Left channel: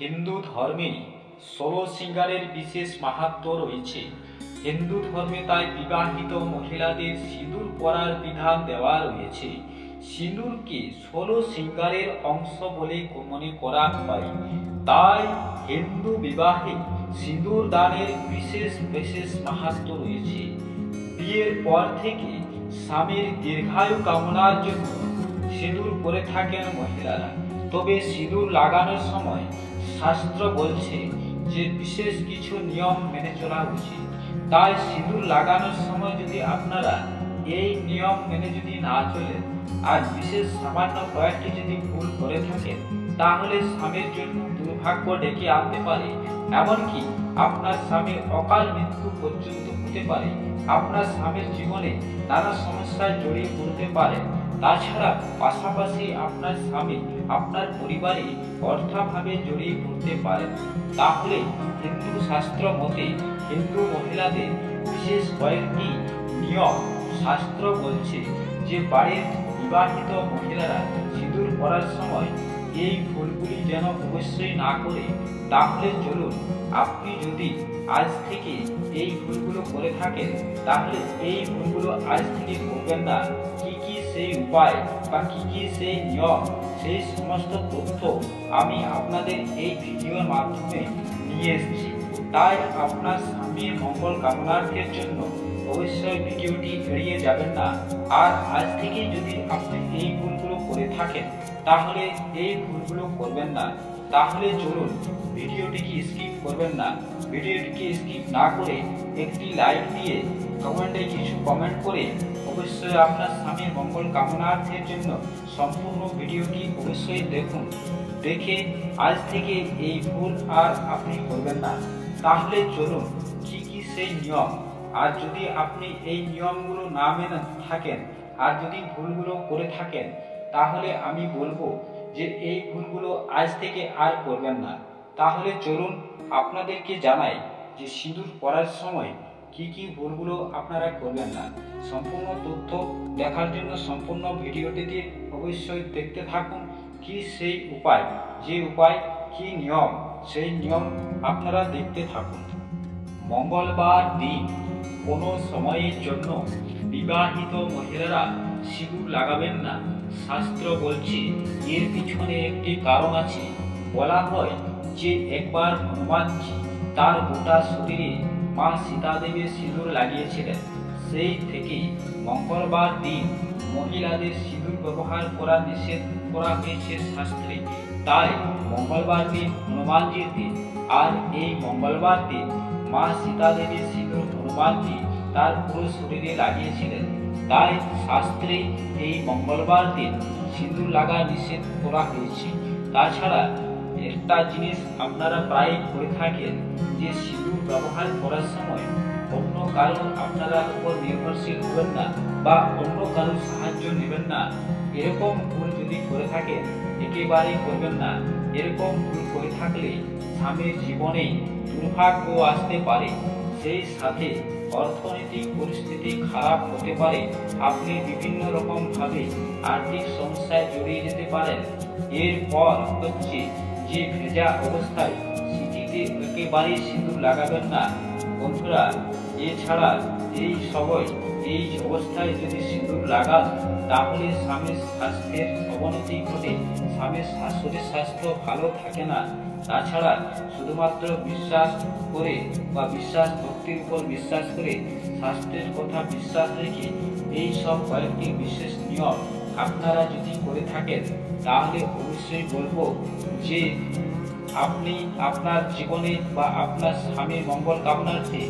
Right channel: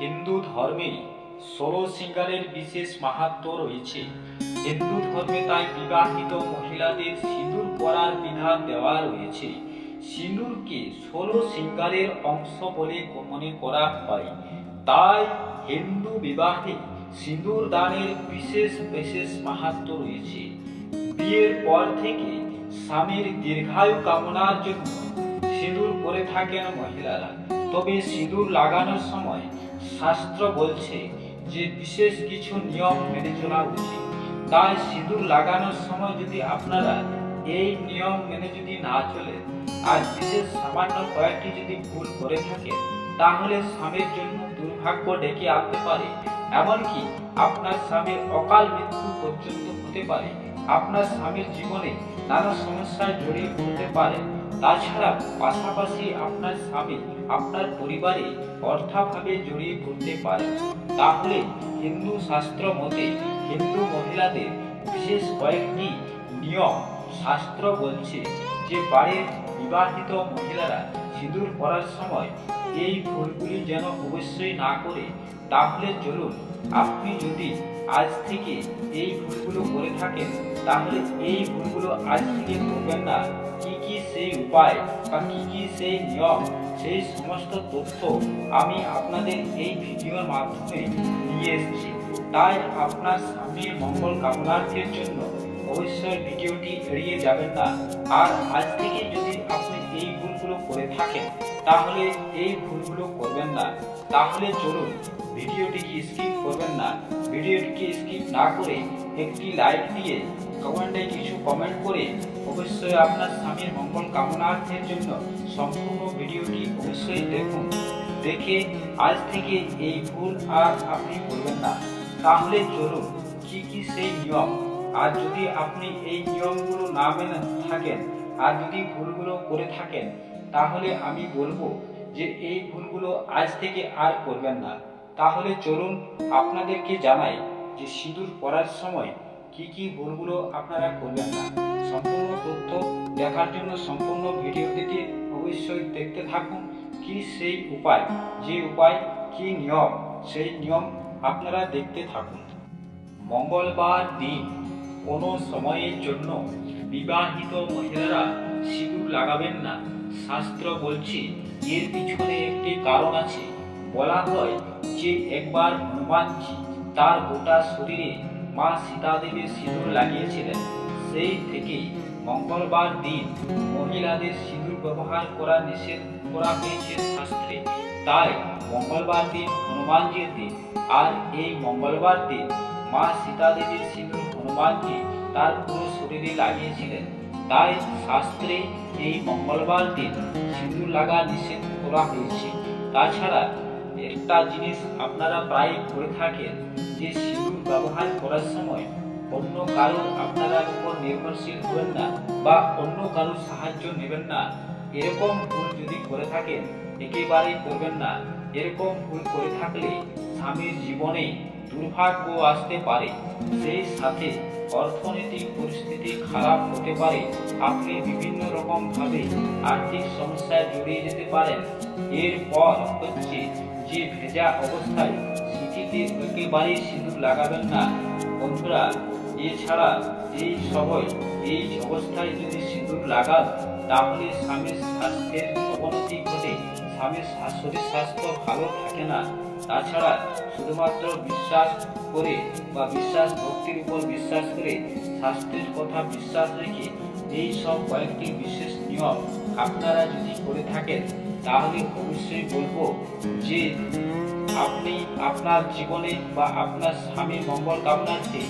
হিন্দু ধর্মে ১৬ সিঙ্গারের বিশেষ মাহাত্ম্য রয়েছে। হিন্দু ধর্মে তাই বিবাহিত মহিলাদের সিঁদুর পরার বিধান দেওয়া রয়েছে। সিঁদুরকে ১৬ সিঙ্গারের অংশ বলে মনে করা হয়। তাই হিন্দু বিবাহে সিঁদুর দানের বিশেষ বিশেষ মাহাত্ম্য রয়েছে। বিয়ের পর থেকে স্বামীর দীর্ঘায়ু কামনার জন্য সিঁদুর পরে থাকেন মহিলারা। তবে সিঁদুর লাগানোর সময় শাস্ত্র বলছে যে বিশেষ কিছু নিয়ম মেনে চলা উচিত। তাই সিঁদুর লাগানোর সময় যদি আপনারা এই নিয়ম মেনে যদি না চলেন আর বিশেষ সামান্য কয়েকটি যদি ভুল করে থাকেন, তাহলে স্বামীর জন্য দুর্ভাগ্য ডেকে আনতে পারে। এমনকি আপনার স্বামীর অকাল মৃত্যু পর্যন্ত হতে পারে। আপনার স্বামীর জীবনে নানা সমস্যায় জড়িয়ে পড়তে পারে। তাছাড়া পাশাপাশি আপনার স্বামী আপনার পরিবারে অর্থাভাবে জড়িয়ে পড়তে পারে। তাহলে হিন্দু শাস্ত্র মতে হিন্দু মহিলাদের বিশেষ কয়েকটি নিয়ম শাস্ত্র বলছে যে বাড়ির বিবাহিত মহিলারা সিঁদুর পরার সময় এই ভুলগুলি যেন অবশ্যই না করে। তাহলে চলুন, আপনি যদি আজ থেকে এই ভুলগুলো করে থাকেন, তাহলে এই ভুলগুলো আজ থেকে করবেন না। কি কি সেই উপায় বা কি কি সেই নিয়ম, সেই সমস্ত তথ্য আমি আপনাদের এই ভিডিওর মাধ্যমে নিয়ে এসেছি। তাই আপনার স্বামীর মঙ্গল কামনার্থের জন্য অবশ্যই ভিডিওটি এড়িয়ে যাবেন না। আর আজ থেকে যদি আপনি এই ভুলগুলো করে থাকেন, তাহলে এই ভুলগুলো করবেন না। তাহলে চলুন, ভিডিওটিকে স্কিপ করবেন না। ভিডিওটিকে স্কিপ না করে একটি লাইক দিয়ে কমেন্টে কিছু কমেন্ট করে অবশ্যই আপনার স্বামীর মঙ্গল কামনার্থের জন্য সম্পূর্ণ ভিডিওটি অবশ্যই দেখুন। দেখে আজ থেকে এই ভুল আর আপনি করবেন না। তাহলে চলুন, কি কি সেই নিয়ম, আর যদি আপনি এই নিয়মগুলো না মেনে থাকেন আর যদি ভুলগুলো করে থাকেন, তাহলে আমি বলবো যে এই ভুলগুলো আজ থেকে আর করবেন না। তাহলে চলুন, আপনাদেরকে জানাই যে সিঁদুর পরার সময় কি কি ভুলগুলো আপনারা করবেন না। সম্পূর্ণ তথ্য দেখার জন্য সম্পূর্ণ ভিডিওটিতে অবশ্যই দেখতে থাকুন। কি সেই উপায়, যে উপায় কি নিয়ম, সেই নিয়ম আপনারা দেখতে থাকুন। মঙ্গলবার দিন কোনো সময়ের জন্য বিবাহিত মহিলারা সিঁদুর লাগাবেন না। শাস্ত্র বলছে এর পিছনে একটি কারণ আছে। বলা হয় যে একবার হনুমানজি তার গোটা শরীরে মা সীতাদেবীর সিঁদুর লাগিয়েছিলেন। সেই থেকেই মঙ্গলবার দিন মহিলাদের সিঁদুর ব্যবহার করা নিষেধ করা হয়েছে শাস্ত্রে। তাই মঙ্গলবার দিন হনুমানজির দিন, আর এই মঙ্গলবার দিন মা সীতাদেবীর সিঁদুর হনুমানজি তার পুরো শরীরে লাগিয়েছিলেন। তাই শাস্ত্রে এই মঙ্গলবার দিন সিঁদুর লাগা নিষেধ করা হয়েছে। তাছাড়া একটা জিনিস আপনারা প্রায় করে থাকেন, যে সিঁদুর ব্যবহার করার সময় অন্য কারোর আপনারা উপর নির্ভরশীল হবেন না বা অন্য কারোর সাহায্য নেবেন না। এরকম ভুল যদি করে থাকেন, একেবারেই করবেন না। এরকম ভুল করে থাকলে স্বামীর জীবনে দুর্ভাগ্য আসতে পারে, সেই সাথে অর্থনৈতিক পরিস্থিতি খারাপ হতে পারে। আপনি বিভিন্ন রকম ভাবে আর্থিক সমস্যায় জড়িয়ে যেতে পারেন। এরপর হচ্ছে যে ভেজা অবস্থায় সিঁথিতে একেবারেই সিঁদুর লাগাবেন না বন্ধুরা। এছাড়া এই অবস্থায় যদি সিঁদুর লাগান, তাহলে স্বামীর স্বাস্থ্যের অবনতি ঘটে, স্বামীর শরীর স্বাস্থ্য ভালো থাকে না। তাছাড়া শুধুমাত্র বিশ্বাস করে বা বিশ্বাস ভক্তির উপর বিশ্বাস করে স্বাস্থ্যের কথা বিশ্বাস রেখে এই সব কয়েকটি বিশেষ নিয়ম আপনারা যদি করে থাকেন, তাহলে অবশ্যই বলবো যে আপনি আপনার জীবনে বা আপনার স্বামীর মঙ্গল কামনার্থে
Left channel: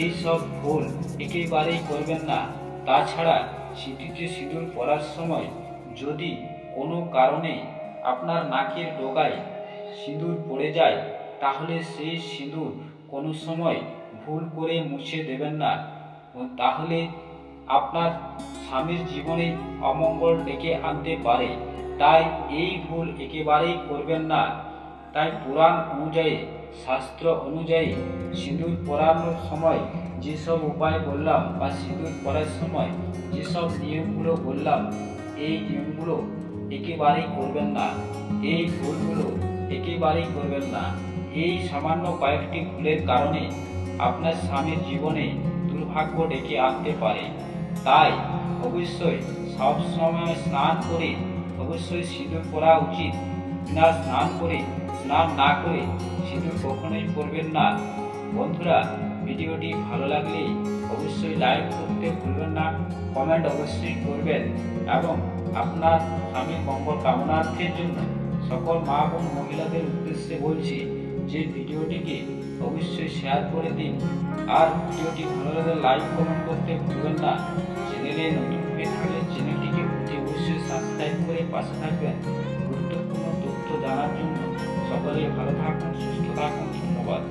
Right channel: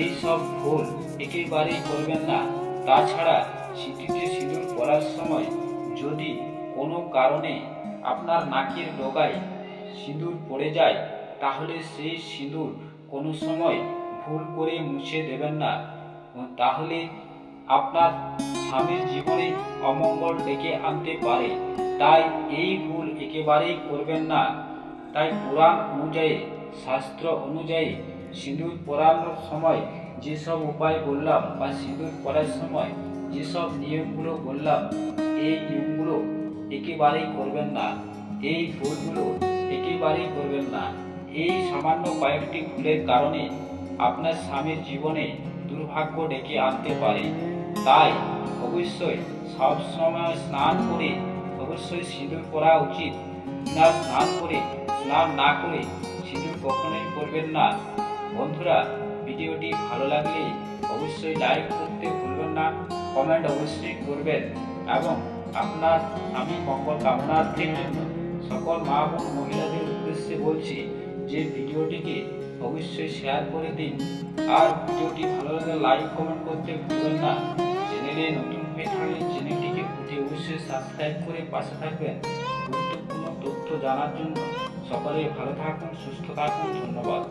এই সব ভুল একেবারেই করবেন না। তাছাড়া সিঁথিতে সিঁদুর পরার সময় যদি কোনো কারণে আপনার নাকের ডগায় সিঁদুর পড়ে যায়, তাহলে সেই সিঁদুর কোনো সময় ভুল করে মুছে দেবেন না। তাহলে আপনার স্বামীর জীবনে অমঙ্গল ডেকে আনতে পারে। তাই এই ভুল একেবারেই করবেন না। তাই পুরাণ অনুযায়ী, শাস্ত্র অনুযায়ী সিঁদুর পরানোর সময় যেসব উপায় বললাম বা সিঁদুর পরার সময় যেসব নিয়মগুলো বললাম, এই নিয়মগুলো একেবারেই করবেন না। এই ভুলগুলো একেবারে একেবারেই করবেন না। এই সামান্য কয়েকটি ভুলের কারণে আপনার স্বামীর জীবনে দুর্ভাগ্য ডেকে আনতে পারে। তাই অবশ্যই সব সময় স্নান করে অবশ্যই সিঁদুর পরা উচিত। না স্নান না করে সিঁদুর কখনোই পরবেন না। বন্ধুরা, ভিডিওটি ভালো লাগলে অবশ্যই লাইক করতে ভুলবেন না, কমেন্ট অবশ্যই করবেন এবং আপনার স্বামীর মঙ্গল কামনার্থের জন্য সকল মা বোন মহিলাদের উদ্দেশ্যে বলছি যে ভিডিওটিকে অবশ্যই শেয়ার করে দিন। আর ভিডিওটি ভালো লাগলে লাইক কমেন্ট করতে ভুলবেন না। চ্যানেলে নতুন হয়ে থাকলে চ্যানেলটিকে অবশ্যই সাবস্ক্রাইব করে পাশে থাকবেন গুরুত্বপূর্ণ তথ্য জানার জন্য। সকলেই ভালো থাকুন, সুস্থ থাকুন। ধন্যবাদ।